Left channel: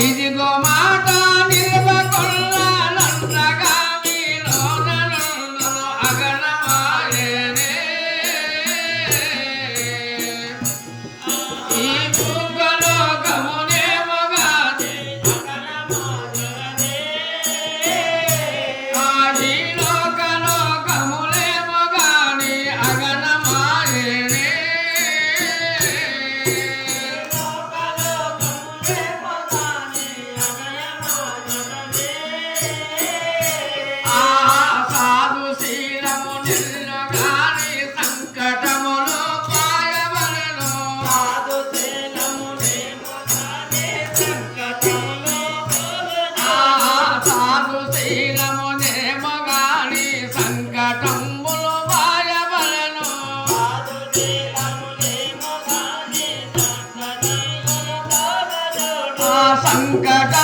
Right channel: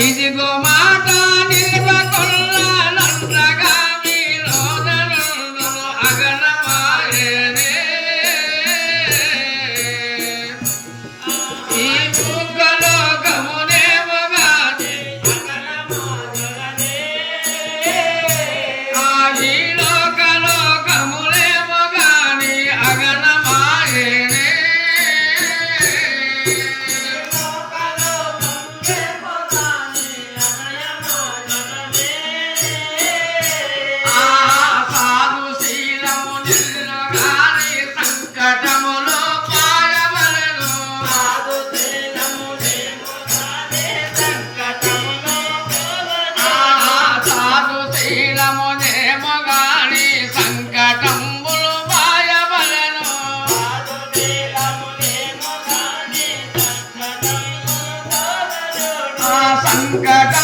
Easy go, got